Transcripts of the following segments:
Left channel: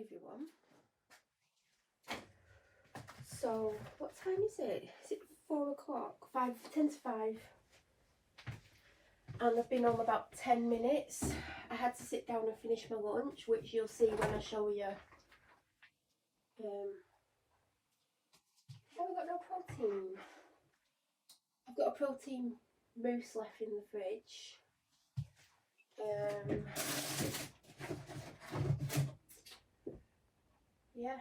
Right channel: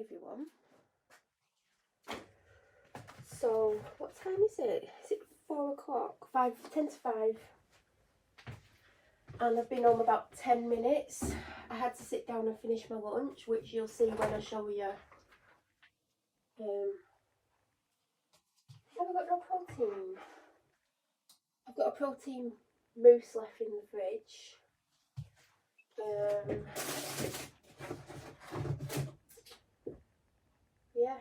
Hi everyone. So what time is it? Is it 4 o'clock? 10 to 5. And I've been home about 10 minutes. I had to sit down and finish my lunch, which you'll see when I show you. I've got no protein. I've got a protein mousse left in the fridge. Yeah.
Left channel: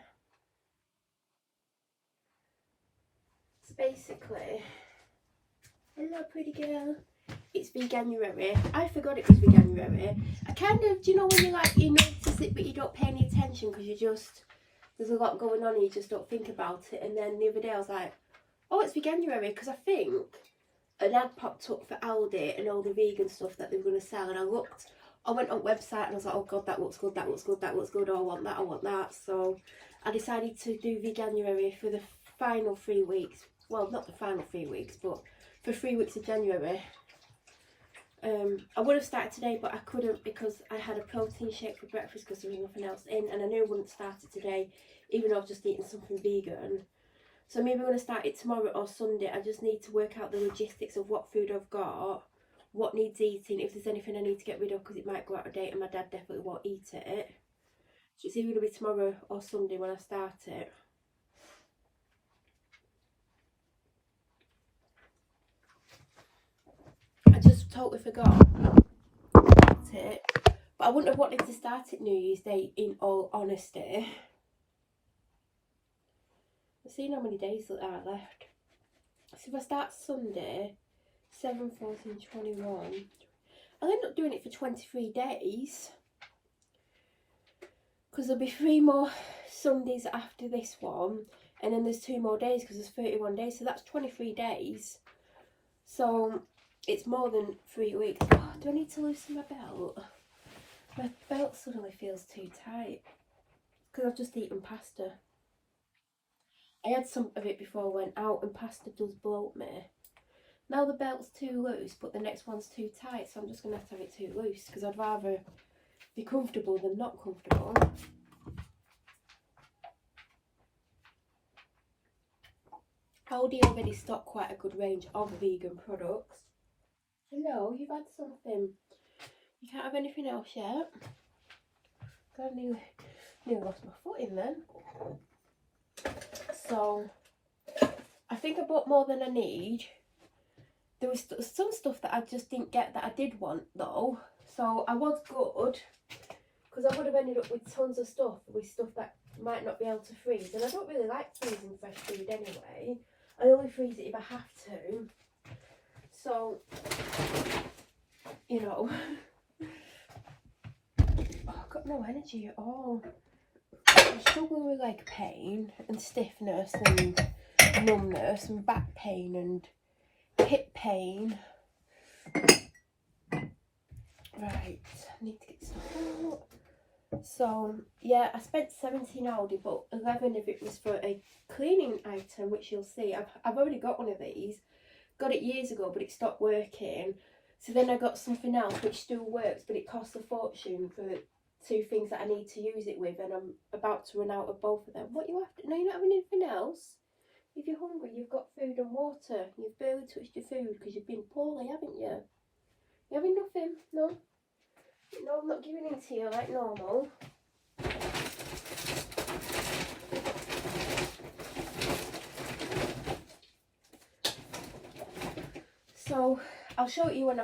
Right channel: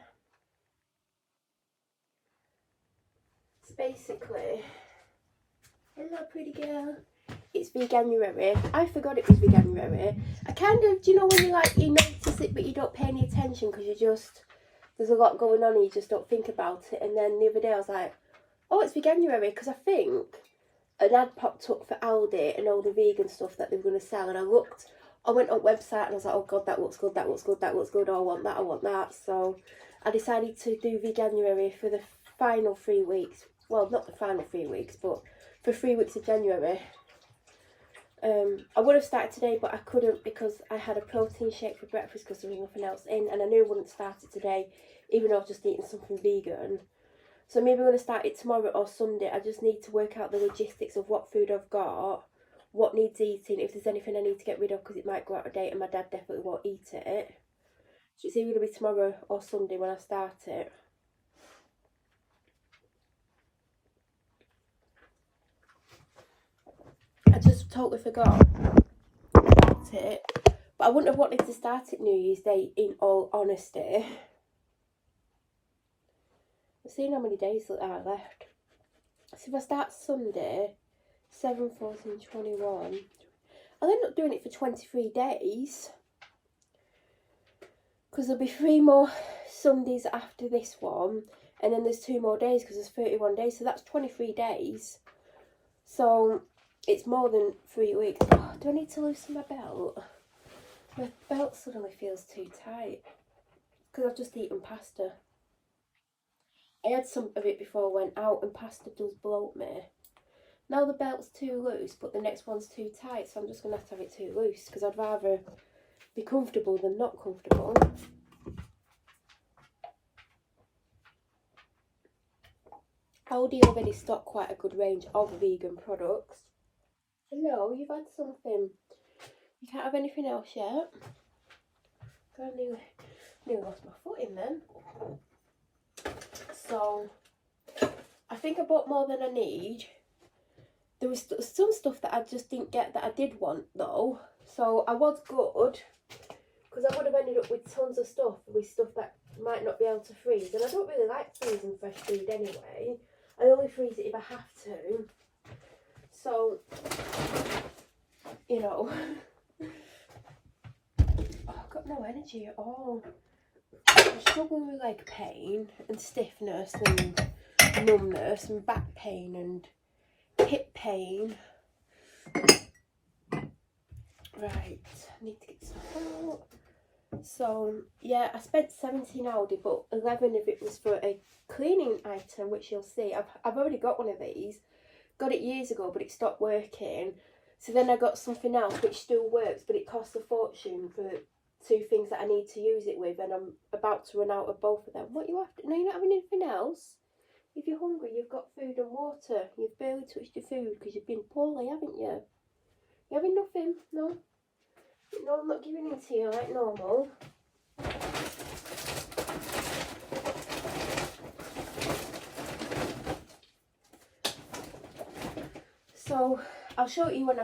It's basically, hello pretty girl. It's Veganuary. I forgot it was Veganuary. I kind of, do you know when you notice it but you don't pay any attention because there's a lot going on and you just don't think about it. And then the other day I was like, oh, it's Veganuary, because I think an ad popped up for Aldi and all the vegan stuff that they were going to sell, and I went on website and I was like, oh god, that looks good, that looks good, that looks good, oh, I want that. So I decided to do Veganuary for the final 3 weeks. Well, not the final 3 weeks, but for 3 weeks of January. I would have started today, but I couldn't because I had a protein shake for breakfast because there was nothing else in, and I knew I wouldn't start it today, even though I was just eating something vegan. So maybe I'm going to start it tomorrow or Sunday. I just need to work out the logistics of what food I've got, what needs eating, if there's anything I need to get rid of because it might go out of date and my dad definitely won't eat it. So it's either going to be tomorrow or Sunday when I start it. I just totally forgot about it. But I wouldn't have wanted to start it New Year's Day, in all honesty. I've seen how many days that are left. So if I start Sunday, 7, 14, 21, I'll end up doing it for 23 days. Because there'll be 3 more Sundays after this one. And then there's 2 more days because there's 31 days. So that's 23 days. So it's more than 3 weeks. Oh, do I need to loosen my belt? My belt suddenly feels too tight. Because I've just eaten pasta. I had some of it before I went out, and pasta does bloat me. Now the belt's too loose, but the next one's too tight, so I'm just going to have it too loose, because I'd rather be comfortable than not comfortable. Aldi already stocked quite a good range of vegan products. Hello, you've had something. You can't have anything else yet? God, I nearly lost my foot in then. So, I think I bought more than I need. There was some stuff that I just didn't get that I did want though. So I was good, because I would have ended up with tons of stuff that might not be able to freeze. And I don't really like freezing fresh food anyway. I only freeze it if I have to. So, you know, I've got no energy at all. I'm struggling with leg pain and stiffness and numbness and back pain and hip pain. Right, I need to get some out. So yeah, I spent 17 Aldi, but 11 of it was for a cleaning item, which you'll see. I've already got one of these. Got it years ago, but it stopped working. So then I got something else which still works, but it costs a fortune for 2 things that I need to use it with, and I'm about to run out of both of them. What you have to? No, you're not having anything else. If you're hungry, you've got food and water. You've barely touched your food because you've been poorly, haven't you? You having nothing? No? No, I'm not giving in to you like normal. So I'll show you when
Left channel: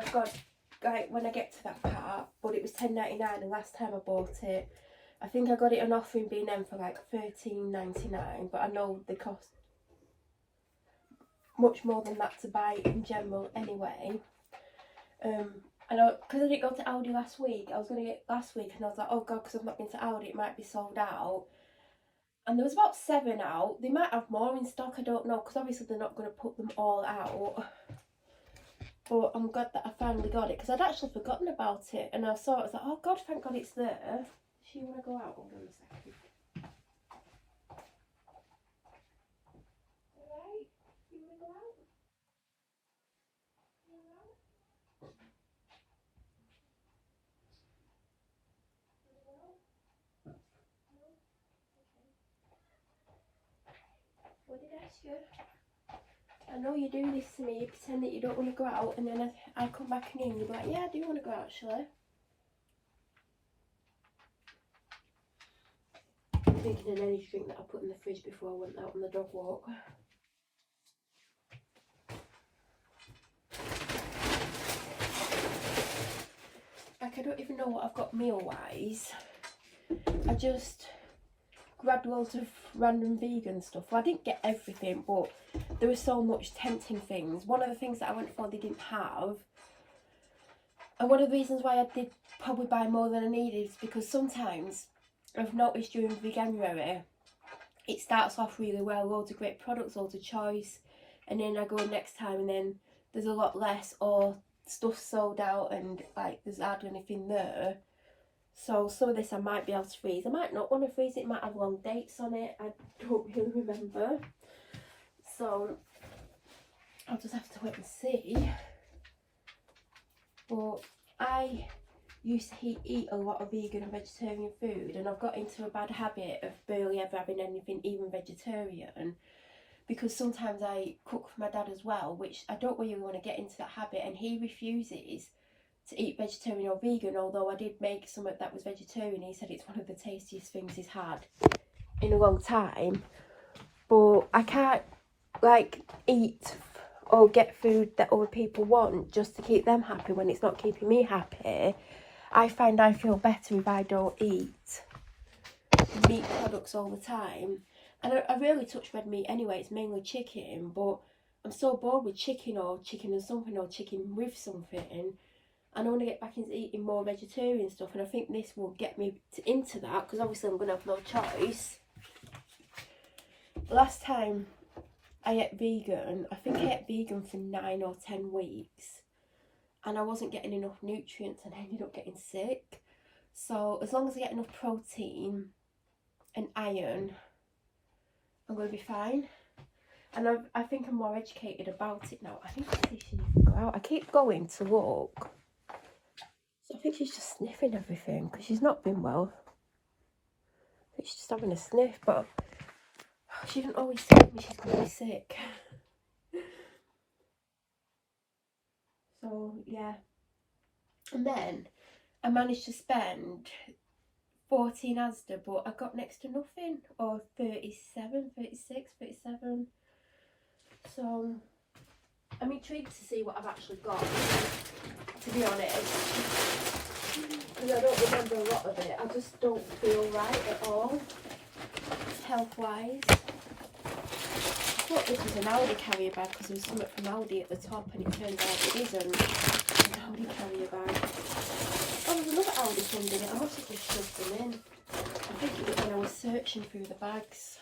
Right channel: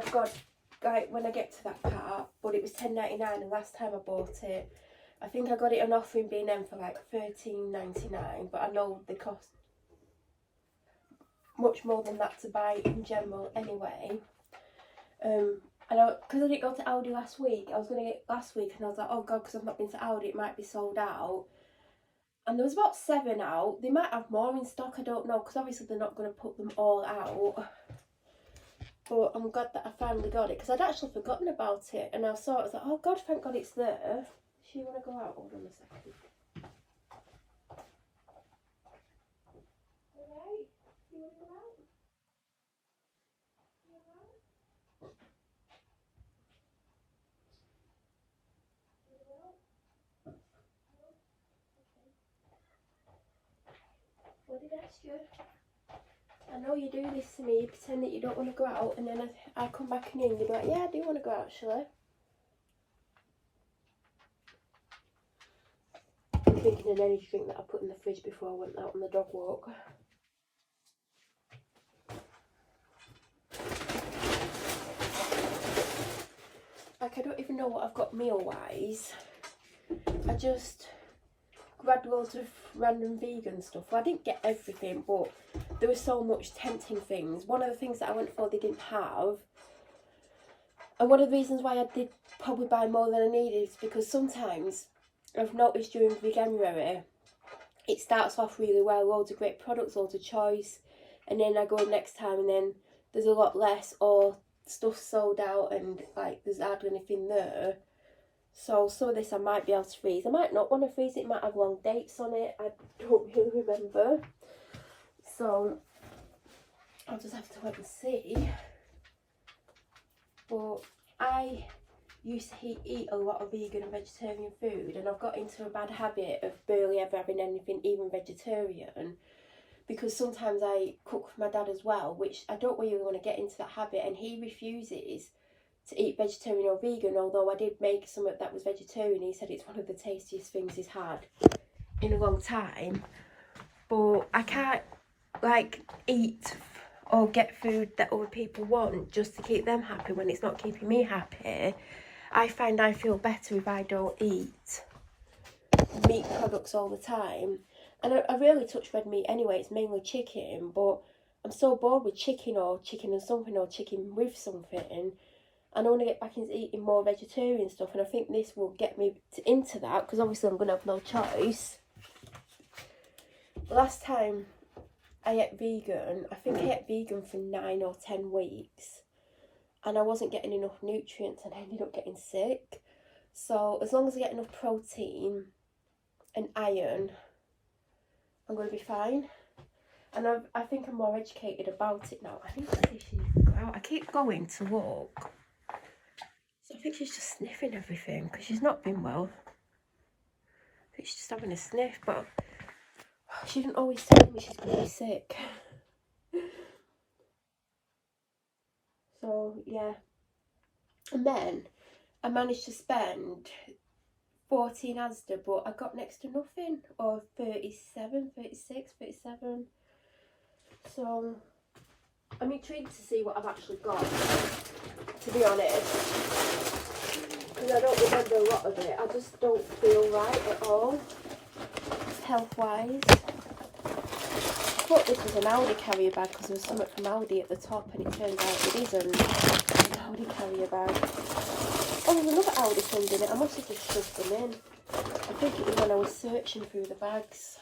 when I get to that part. But it was $10.99, and last time I bought it, I think I got it on offer in B&M for like $13.99. But I know they cost much more than that to buy in general anyway. I know, because I didn't go to Aldi last week. I was going to get last week, and I was like, oh god, because I've not been to Aldi, it might be sold out. And there was about 7 out. They might have more in stock, I don't know, because obviously they're not going to put them all out. But I'm glad that I finally got it, because I'd actually forgotten about it, and I saw it, I was like, oh god, thank god it's there. If you want to go out, hold on a second. Alright, you want to go out? What did I ask you? I know you do this to me, you pretend that you don't want to go out, and then I come back in and you're like, yeah, I do want to go out actually. I'm thinking of an energy drink that I put in the fridge before I went out on the dog walk. Like, I don't even know what I've got meal-wise. I just grabbed loads of random vegan stuff. Well, I didn't get everything, but there was so much tempting things. One of the things that I went for they didn't have. And one of the reasons why I did probably buy more than I needed is because sometimes I've noticed during Veganuary, it starts off really well, loads of great products, loads of choice, and then I go next time and then there's a lot less, or stuff sold out and like there's hardly anything there. So some of this I might be able to freeze. I might not want to freeze it, it might have long dates on it, I don't really remember. So I'll just have to wait and see. But I used to eat a lot of vegan and vegetarian food, and I've got into a bad habit of barely ever having anything even vegetarian, because sometimes I cook for my dad as well, which I don't really want to get into that habit, and he refuses to eat vegetarian or vegan, although I did make some that was vegetarian. He said it's one of the tastiest things he's had in a long time. But I can't like eat or get food that other people want just to keep them happy when it's not keeping me happy. I find I feel better if I don't eat meat products all the time. And I rarely touch red meat anyway, it's mainly chicken, but I'm so bored with chicken or chicken and something or chicken with something. And I want to get back into eating more vegetarian stuff, and I think this will get me into that, because obviously I'm going to have no choice. Last time I ate vegan, I think I ate vegan for 9 or 10 weeks, and I wasn't getting enough nutrients and I ended up getting sick. So as long as I get enough protein and iron, I'm going to be fine. And I think I'm more educated about it now. I think she needs to go out. I keep going to look. So I think she's just sniffing everything because she's not been well. I think she's just having a sniff, but she didn't always tell me she's going to be sick. So yeah. And then I managed to spend 14 Asda, but I got next to nothing, or 37, 36, 37. So I'm intrigued to see what I've actually got, to be honest, because I don't remember a lot of it. I just don't feel right at all, health-wise. I thought this was an Aldi carrier bag because there was something from Aldi at the top, and it turns out it isn't an Aldi carrier bag. Oh, there's another Aldi thing in it. I must have just shoved them in. I think it was when I was searching through the bags.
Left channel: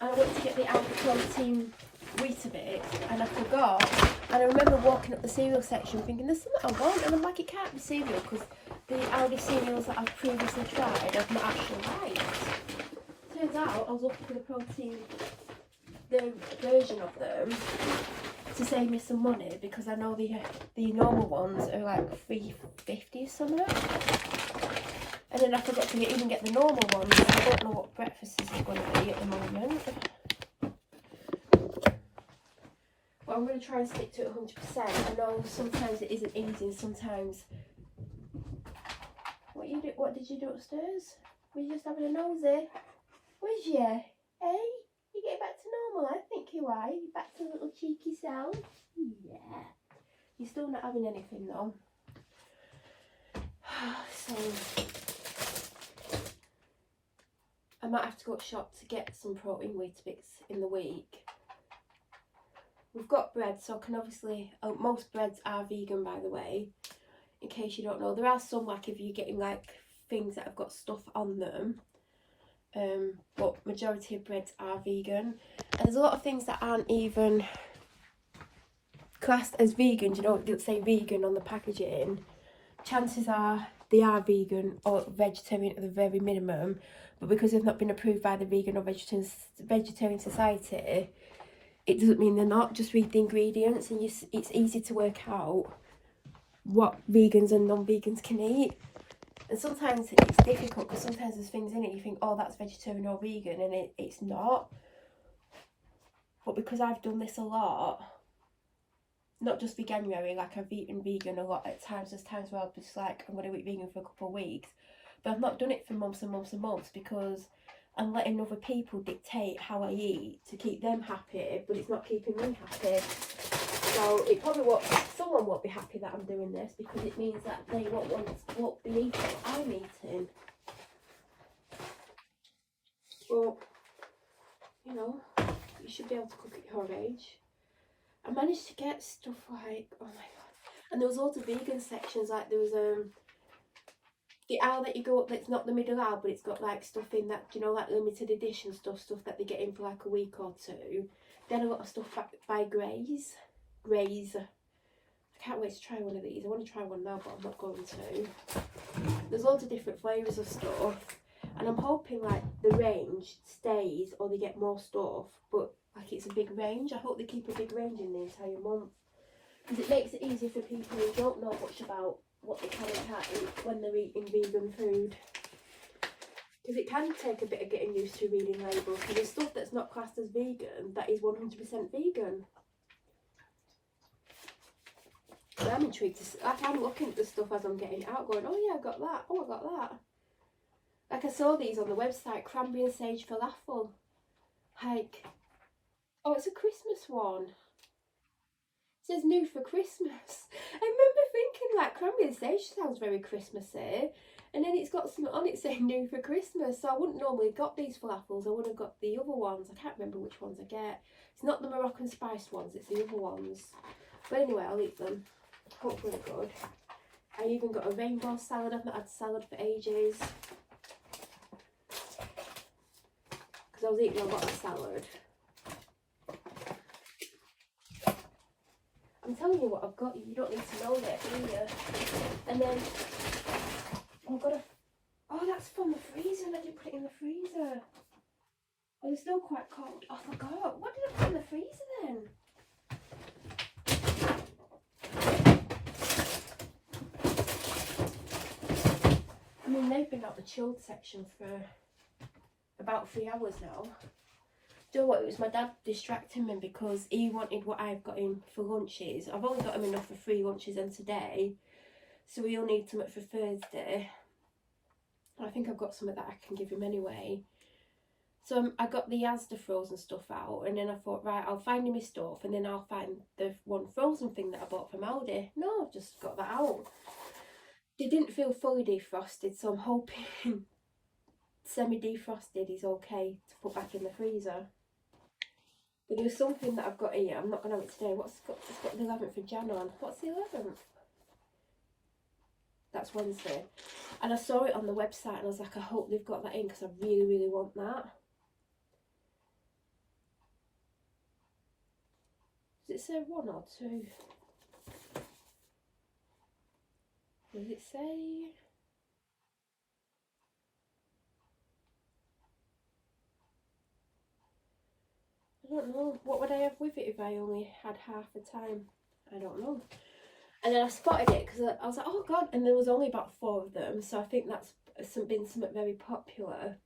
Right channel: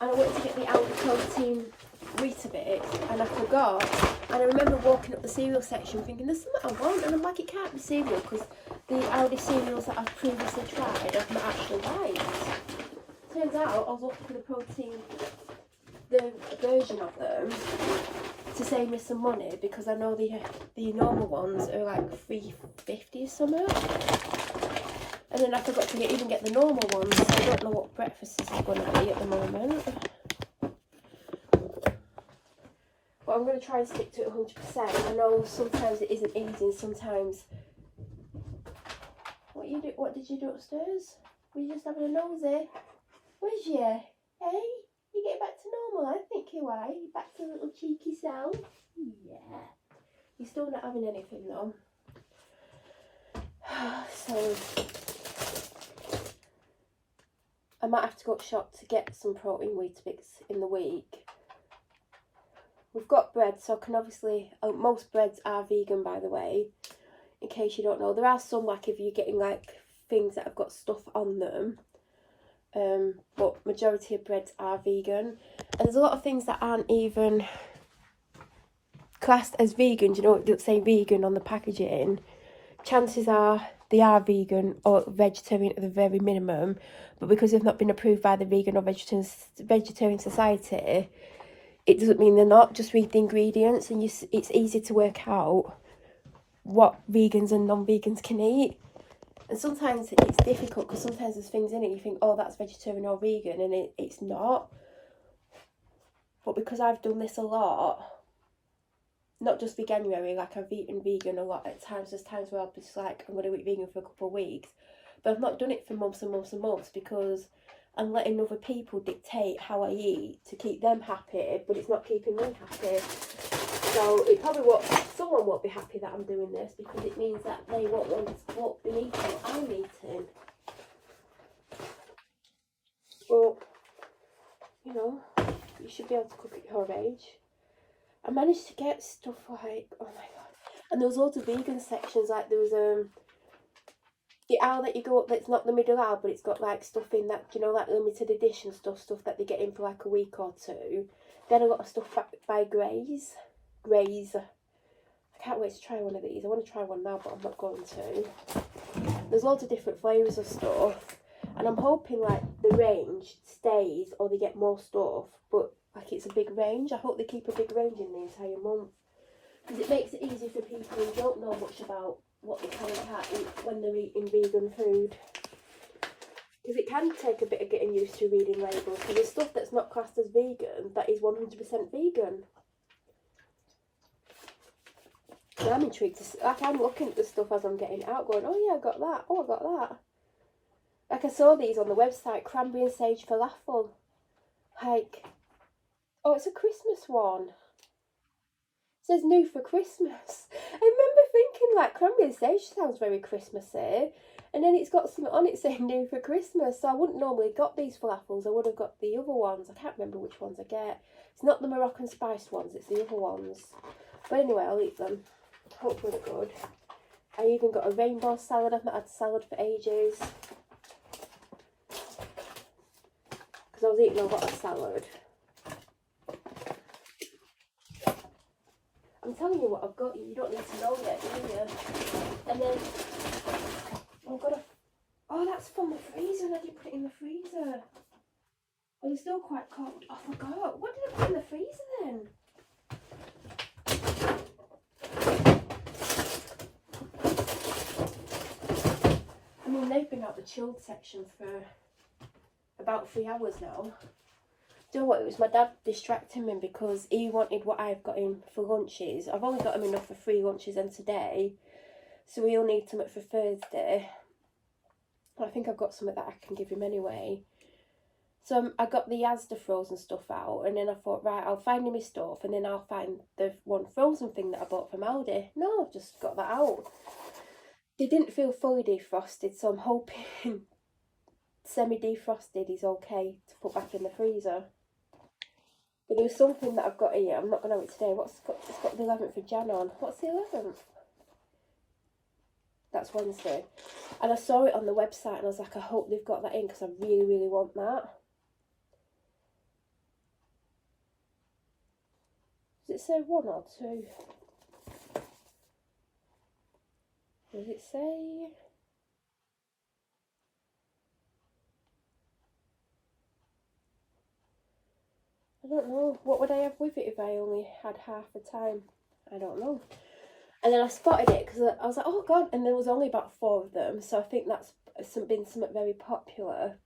And I went to get the Aldi protein Weetabix, and I forgot. And I remember walking up the cereal section thinking, there's something I want, and I'm like, it can't be cereal because the Aldi cereals that I've previously tried I've not actually liked. Turns out I was looking for the protein, the version of them, to save me some money, because I know the normal ones are like $3.50 or something. And then I forgot to even get the normal ones, so I don't know what breakfast is going to be at the moment. But I'm going to try and stick to it 100%. I know sometimes it isn't easy, and sometimes... What did you do upstairs? Were you just having a nosy? Was you? Hey? You getting back to normal? I think you are. You back to a little cheeky sound? Yeah. You're still not having anything though. So I might have to go to shop to get some protein Weetabix in the week. We've got bread, so I can obviously... most breads are vegan, by the way, in case you don't know. There are some, like, if you're getting like things that have got stuff on them, but majority of breads are vegan. And there's a lot of things that aren't even classed as vegan. You know, it doesn't say vegan on the packaging. Chances are they are vegan or vegetarian at the very minimum, but because they've not been approved by the Vegan or Vegetarian Society, it doesn't mean they're not. Just read the ingredients and it's easy to work out what vegans and non-vegans can eat. And sometimes it's difficult because sometimes there's things in it you think, oh, that's vegetarian or vegan, and it's not. But because I've done this a lot, not just veganuary, like I've eaten vegan a lot at times, there's times where I'll be just like, I'm going to eat vegan for a couple of weeks. But I've not done it for months and months and months because I'm letting other people dictate how I eat to keep them happy, but it's not keeping them happy. So it probably won't, someone won't be happy that I'm doing this because it means that they won't be eating what I'm eating. But, you know, you should be able to cook at your age. I managed to get stuff like, oh my god. And there was loads of vegan sections, like there was the aisle that you go up that's not the middle aisle, but it's got like stuff in that, you know, like limited edition stuff that they get in for like a week or two. Then a lot of stuff by Graze. I can't wait to try one of these. I want to try one now, but I'm not going to. There's loads of different flavours of stuff, and I'm hoping like the range stays or they get more stuff, but like it's a big range. I hope they keep a big range in the entire month, because it makes it easy for people who don't know much about what they can and can't eat when they're eating vegan food. Because it can take a bit of getting used to reading labels, because there's stuff that's not classed as vegan that is 100% vegan. And I'm intrigued to see, like I'm looking at the stuff as I'm getting it out going, oh yeah, I got that, oh I got that. Like I saw these on the website, cranberry and sage falafel. Like, oh it's a Christmas one. It says new for Christmas. I remember thinking like cranberry and sage sounds very Christmassy. And then it's got something on it saying new for Christmas. So I wouldn't normally got these falafels. I would have got the other ones. I can't remember which ones I get. It's not the Moroccan spiced ones, it's the other ones. But anyway, I'll eat them. Hopefully they're good. I even got a rainbow salad. I've not had salad for ages. Because I was eating a lot of salad. I'm telling you what I've got. You don't need to know yet, do you? And then I've got a... Oh, that's from the freezer. And I didn't put it in the freezer. Oh, they're still quite cold. I forgot. What did I put in the freezer then? I mean, they've been out the chilled section for about 3 hours now. Do you know what? It was my dad distracting me because he wanted what I've got him for lunches. I've only got him enough for 3 lunches and today, so he'll need something for Thursday. I think I've got some of that I can give him anyway. So I got the Asda frozen stuff out, and then I thought, right, I'll find him his stuff, and then I'll find the one frozen thing that I bought from Aldi. No, I've just got that out. They didn't feel fully defrosted, so I'm hoping semi-defrosted is okay to put back in the freezer. But there's something that I've got here. I'm not going to have it today. It's got the 11th of Jan on. What's the 11th? That's Wednesday. And I saw it on the website and I was like, I hope they've got that in because I really, really want that. Does it say 1 or 2? Does it say... I don't know. What would I have with it if I only had half the time? I don't know. And then I spotted it because I was like, oh god, and there was only about 4 of them, so I think that's been something very popular.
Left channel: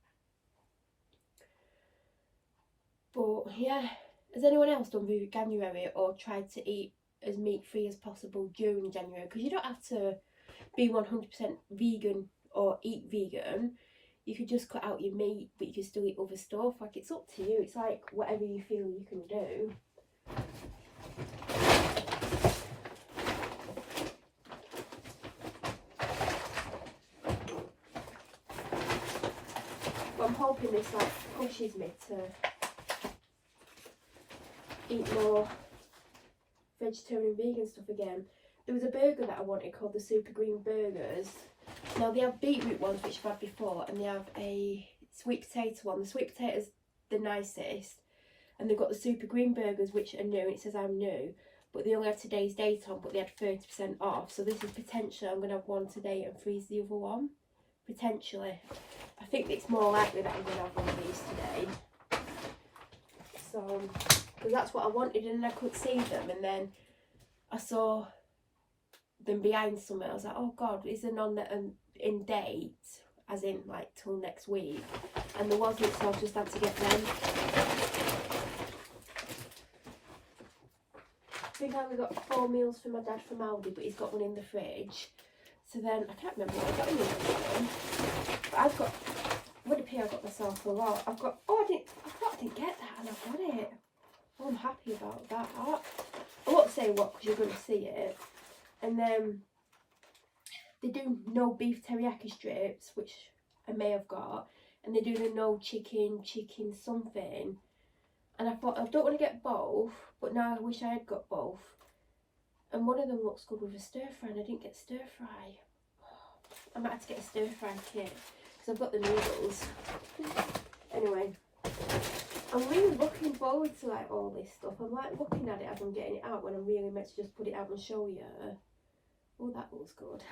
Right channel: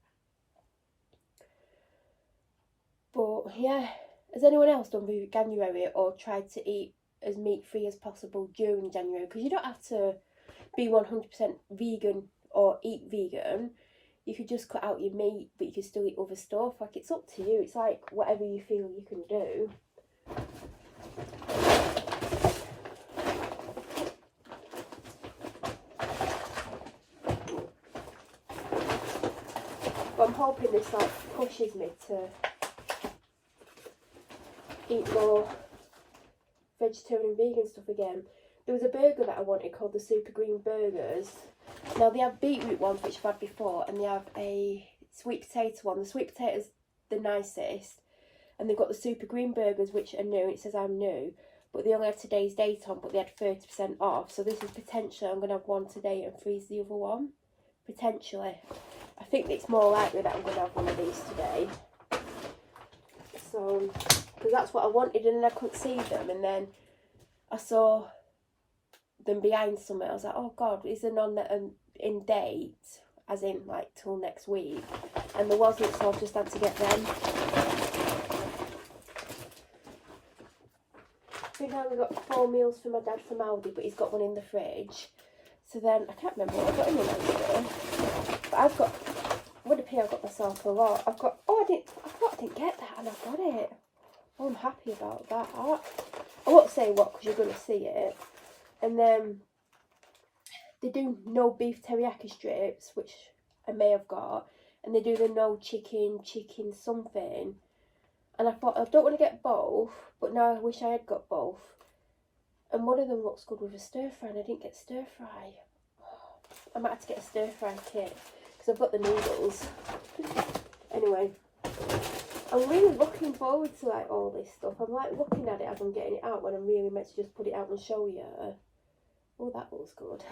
But yeah, has anyone else done January or tried to eat as meat-free as possible during January? Because you don't have to be 100% vegan or eat vegan. You could just cut out your meat, but you can still eat other stuff. Like, it's up to you. It's like whatever you feel you can do. But I'm hoping this like pushes me to eat more vegetarian vegan stuff again. There was a burger that I wanted called the Super Green Burgers. Now they have beetroot ones, which I've had before, and they have a sweet potato one. The sweet potato's the nicest, and they've got the Super Green Burgers, which are new. It says I'm new, but they only have today's date on, but they had 30% off. So this is potentially, I'm going to have one today and freeze the other one. Potentially. I think it's more likely that I'm going to have one of these today. So, because that's what I wanted, and then I couldn't see them, and then I saw them behind somewhere. I was like, oh God, is there none that are in date, as in like till next week? And there wasn't, so I just had to get them. So now we got 4 meals for my dad from Aldi, but he's got one in the fridge. So then, I can't remember what I got in the Aldi, but I've got, what a pay I got myself a lot. I've got, oh I thought I didn't get that and I've got it. Oh, I'm happy about that. I won't say what because you're going to see it. And then they do no beef teriyaki strips, which I may have got, and they do the no chicken something. And I thought, I don't want to get both, but now I wish I had got both. And one of them looks good with a stir fry, and I didn't get stir fry. I might have to get a stir fry kit because I've got the noodles. Anyway, I'm really looking forward to like all this stuff. I'm like looking at it as I'm getting it out when I'm really meant to just put it out and show you. Oh, that looks good.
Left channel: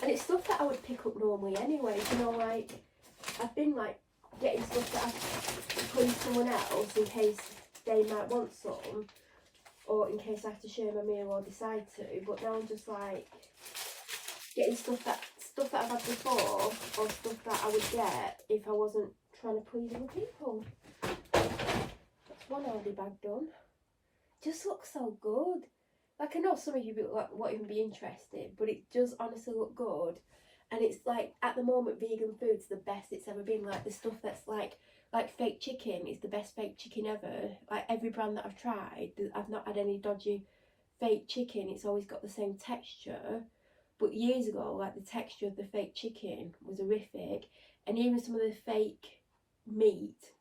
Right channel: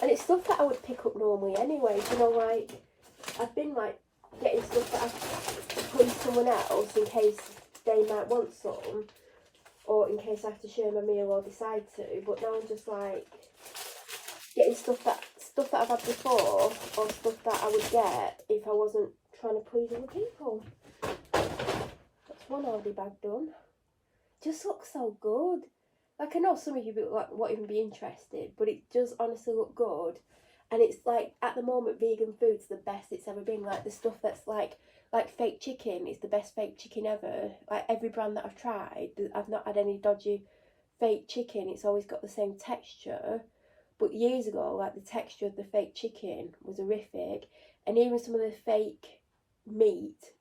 And it's stuff that I would pick up normally anyway. You know, like I've been like getting stuff that I've put in someone else in case they might want some, or in case I have to share my meal or decide to. But now I'm just like getting stuff that I've had before, or stuff that I would get if I wasn't trying to please other people. That's one Aldi bag done. Just looks so good. Like, I know some of you won't even be interested, but it does honestly look good. And it's like, at the moment, vegan food's the best it's ever been. Like, the stuff that's like fake chicken is the best fake chicken ever. Like, every brand that I've tried, I've not had any dodgy fake chicken. It's always got the same texture. But years ago, like, the texture of the fake chicken was horrific. And even some of the fake meat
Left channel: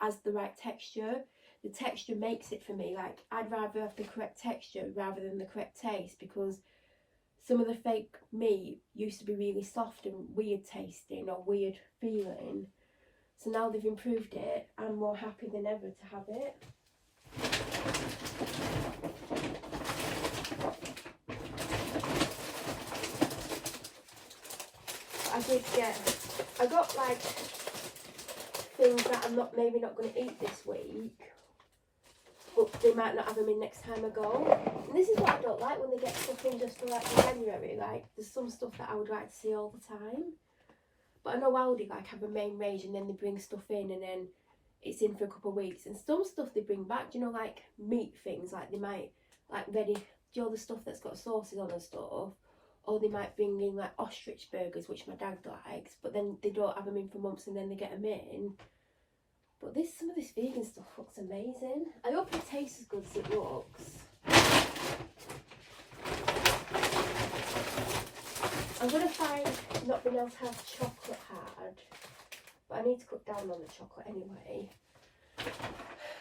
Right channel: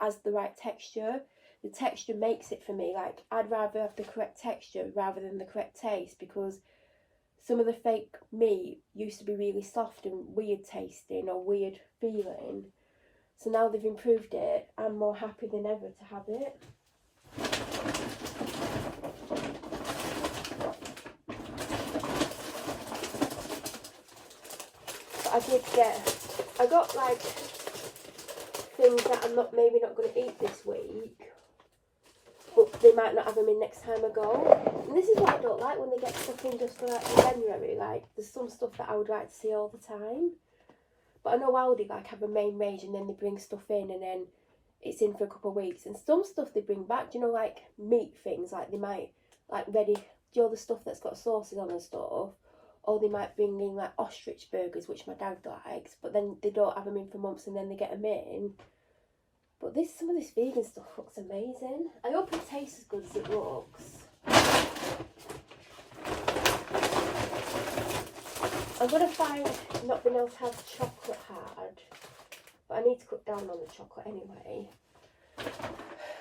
has the right texture. The texture makes it for me. Like, I'd rather have the correct texture rather than the correct taste, because some of the fake meat used to be really soft and weird tasting or weird feeling. So now they've improved it. I'm more happy than ever to have it. But I got like things that I'm maybe not going to eat this week, but they might not have them in next time I go. And this is what I don't like when they get stuff in just for like January. Like, there's some stuff that I would like to see all the time. But I know Aldi like have a main range and then they bring stuff in and then it's in for a couple of weeks. And some stuff they bring back, do you know, like meat things, like they might like ready, do you know the stuff that's got sauces on and stuff? Or they might bring in like ostrich burgers, which my dad likes, but then they don't have them in for months and then they get them in. But some of this vegan stuff looks amazing. I hope it tastes as good as it looks. I'm going to find not being able to have chocolate hard, but I need to cut down on the chocolate anyway.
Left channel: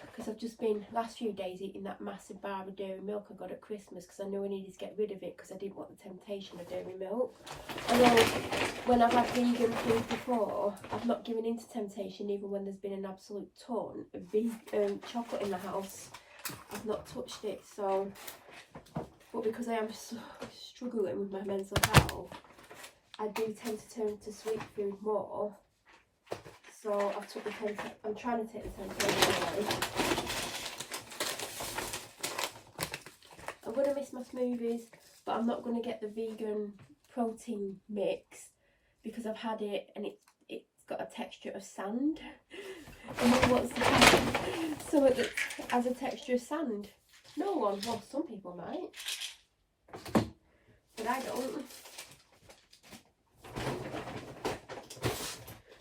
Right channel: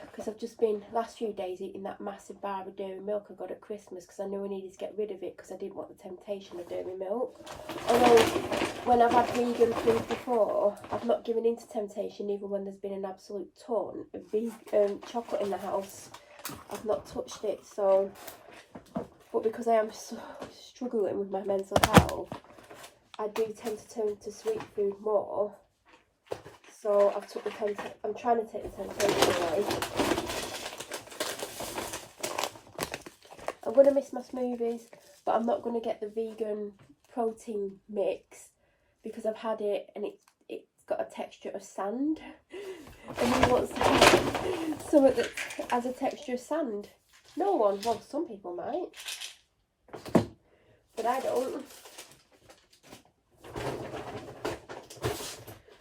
Because I've just been, last few days, eating that massive bar of dairy milk I got at Christmas because I knew I needed to get rid of it because I didn't want the temptation of dairy milk. Although, when I've had vegan food before, I've not given in to temptation even when there's been an absolute ton of vegan chocolate in the house. I've not touched it, so... But because I am so struggling with my mental health, I do tend to turn to sweet food more. So I'm trying to take the temptation away. I'm going to miss my smoothies, but I'm not going to get the vegan protein mix because I've had it and it's got a texture of sand. And who wants to have something that has a texture of sand? No one. Well, some people might, but I don't.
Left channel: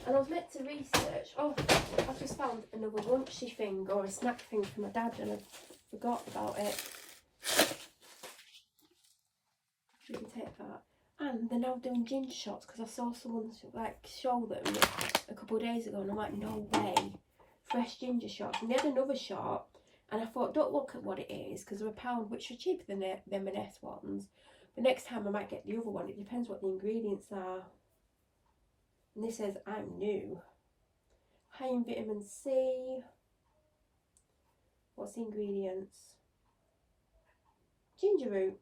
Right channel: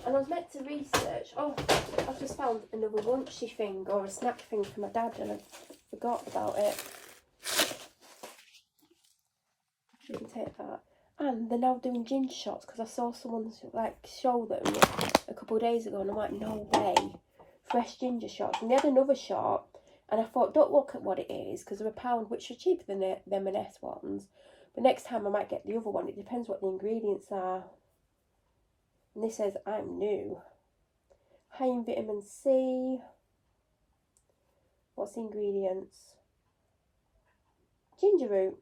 And I was meant to research, I've just found another lunchy thing or a snack thing for my dad and I forgot about it. Shouldn't take that. And they're now doing ginger shots because I saw someone like show them a couple of days ago and I'm like, no way. Fresh ginger shots. And they had another shot and I thought, don't look at what it is because they're £1, which are cheaper than the M&S ones. But next time I might get the other one. It depends what the ingredients are. And this says, I'm new. High in vitamin C. What's the ingredients? Ginger root.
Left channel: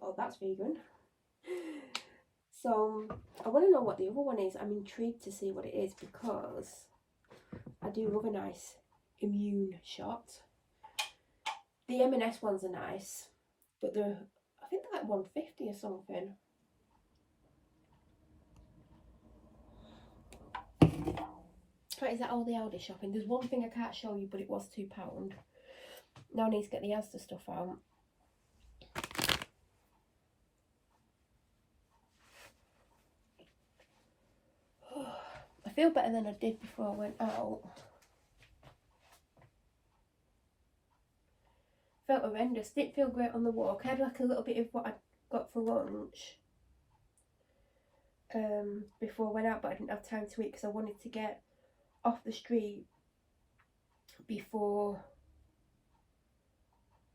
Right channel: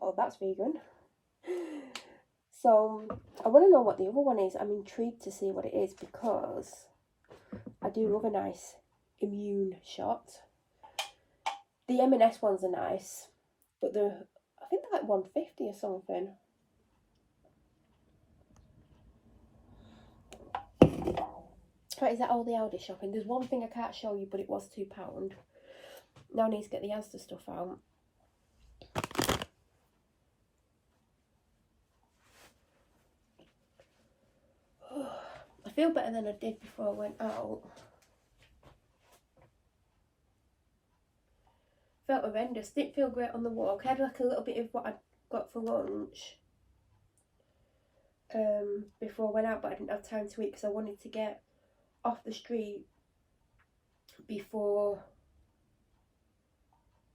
Oh, that's vegan. So, I want to know what the other one is. I'm intrigued to see what it is because I do love a nice immune shot. The M&S ones are nice, but think they're like 150 or something. Right, is that all the Aldi shopping? There's one thing I can't show you, but it was £2. Now I need to get the Asda stuff out. I feel better than I did before I went out. Felt horrendous. Didn't feel great on the walk. I had like a little bit of what I got for lunch before I went out, but I didn't have time to eat because I wanted to get off the street before,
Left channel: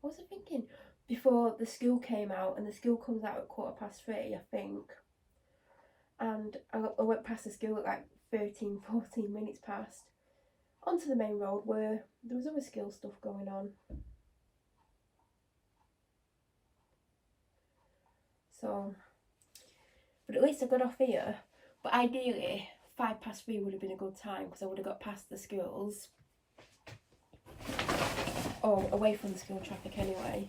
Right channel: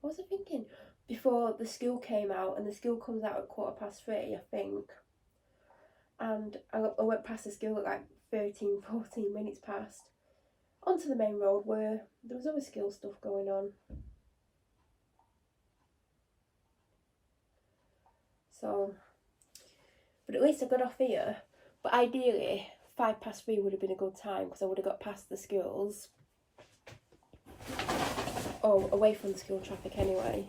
what was I thinking? Before the school came out, and the school comes out at 3:15, I think. And I went past the school at like 13, 14 minutes past, onto the main road where there was other school stuff going on. So, but at least I got off here. But ideally, 3:05 would have been a good time because I would have got past the schools. Oh, away from the school traffic anyway.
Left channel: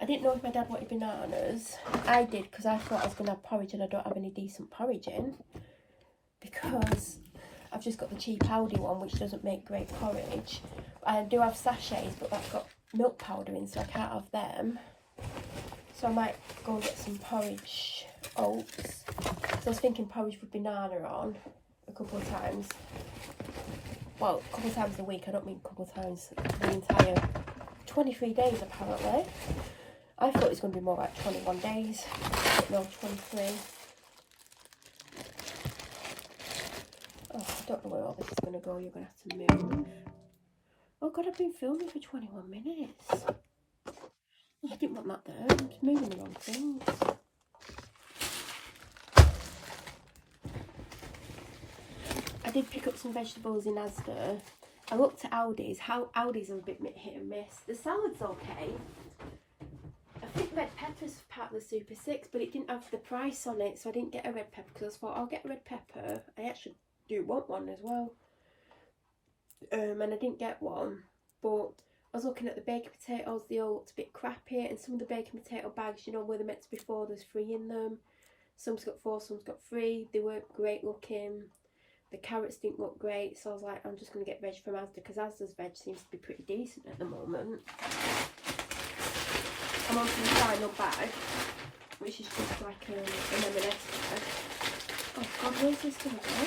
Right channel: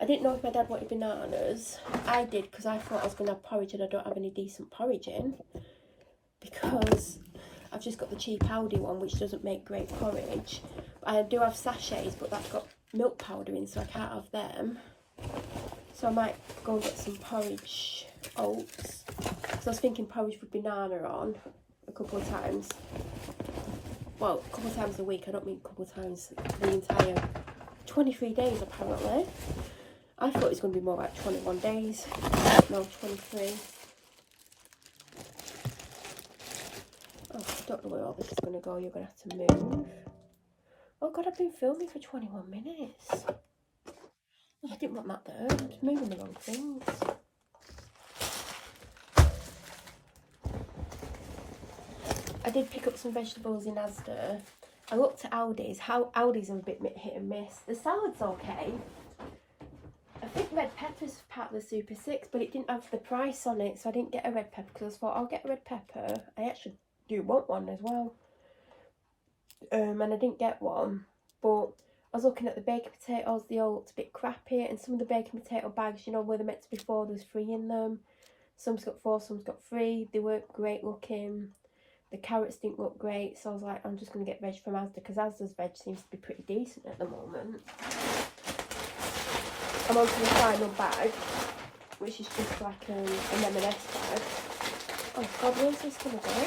I didn't know if my dad wanted bananas. I did because I thought I was going to have porridge and I don't have any decent porridge in. Because I've just got the cheap Aldi one, which doesn't make great porridge. I do have sachets, but that's got milk powder in, so I can't have them. So I might go and get some porridge oats. So I was thinking porridge with banana on a couple of times. Well, a couple of times a week. I don't mean a couple of times the entire 23 days apparently. I thought it was going to be more like 21 days. No, 23. Oh, I don't know where all this is going to go. You're going to have to move. Oh God, I've been filming for 21 minutes. I didn't want that there. I'm just moving the wrong things. I did pick up some vegetables in Asda. I looked at Aldi's. Aldi's are a bit hit and miss. The salad's okay. I think red pepper's part of the Super 6, but it didn't have the price on it, so I didn't get a red pepper because I thought I'll get a red pepper. I actually do want one as well. And I didn't get one, but I was looking at the baked potatoes. They all looked a bit crappy, and some of the baked potato bags, you know, where they're meant to be 4, there was 3 in them. Some's got 4, some's got 3. They weren't great looking. The carrots didn't look great, so I was like, I'm just going to get veg from Asda, because Asda's veg seems to be pretty decent at the moment. I'm on to the final bag, which is just like an M&S bag. Oh God, where's this going to go?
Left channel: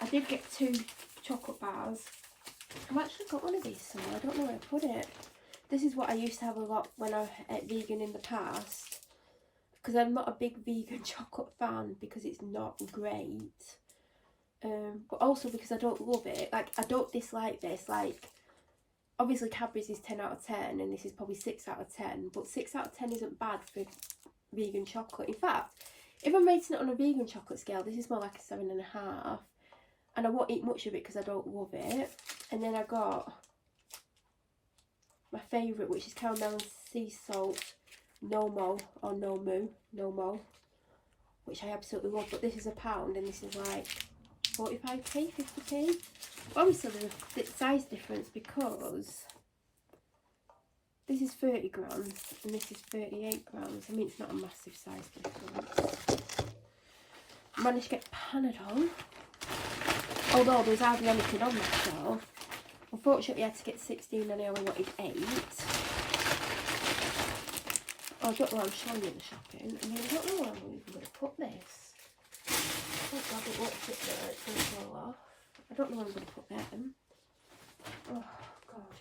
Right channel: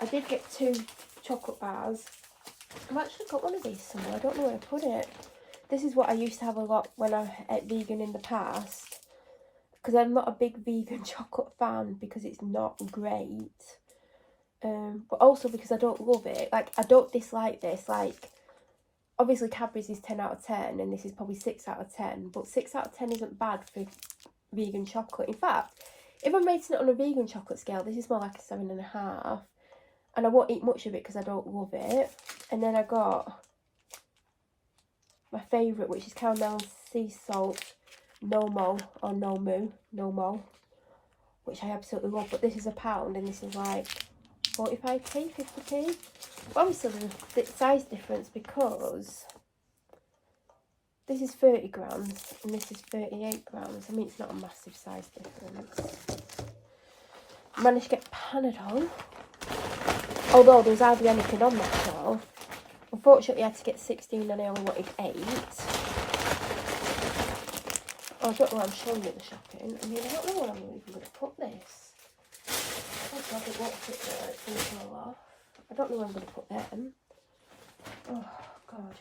I did get 2 chocolate bars. I've actually got one of these somewhere. I don't know where I put it. This is what I used to have a lot when I ate vegan in the past. Because I'm not a big vegan chocolate fan because it's not great. But also because I don't love it. Like, I don't dislike this. Like, obviously Cadbury's is 10 out of 10 and this is probably 6 out of 10. But 6 out of 10 isn't bad for vegan chocolate. In fact, if I'm rating it on a vegan chocolate scale, this is more like a 7.5. And I won't eat much of it because I don't love it. And then I got my favourite, which is caramel and sea salt No Mo, which I absolutely love. But this is £1 and this is like 45p, 50p. But obviously there's a size difference because this is 30 grams and this is 38 grams. I mean, it's not a massive size difference. I managed to get Panadol. Although there was hardly anything on that shelf. Unfortunately I had to get 16 and I only wanted 8. Oh, I don't know why I'm showing you the shopping. I mean, I don't know where I'm even going to put this. Oh God, it won't fit there, it's going to fall off. I don't know where I'm going to put them. Oh God.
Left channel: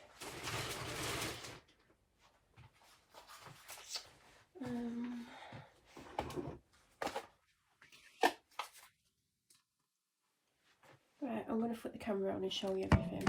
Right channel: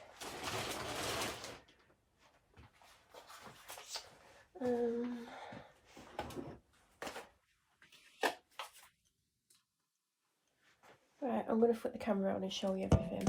Right, I'm going to flip the camera around and show you everything.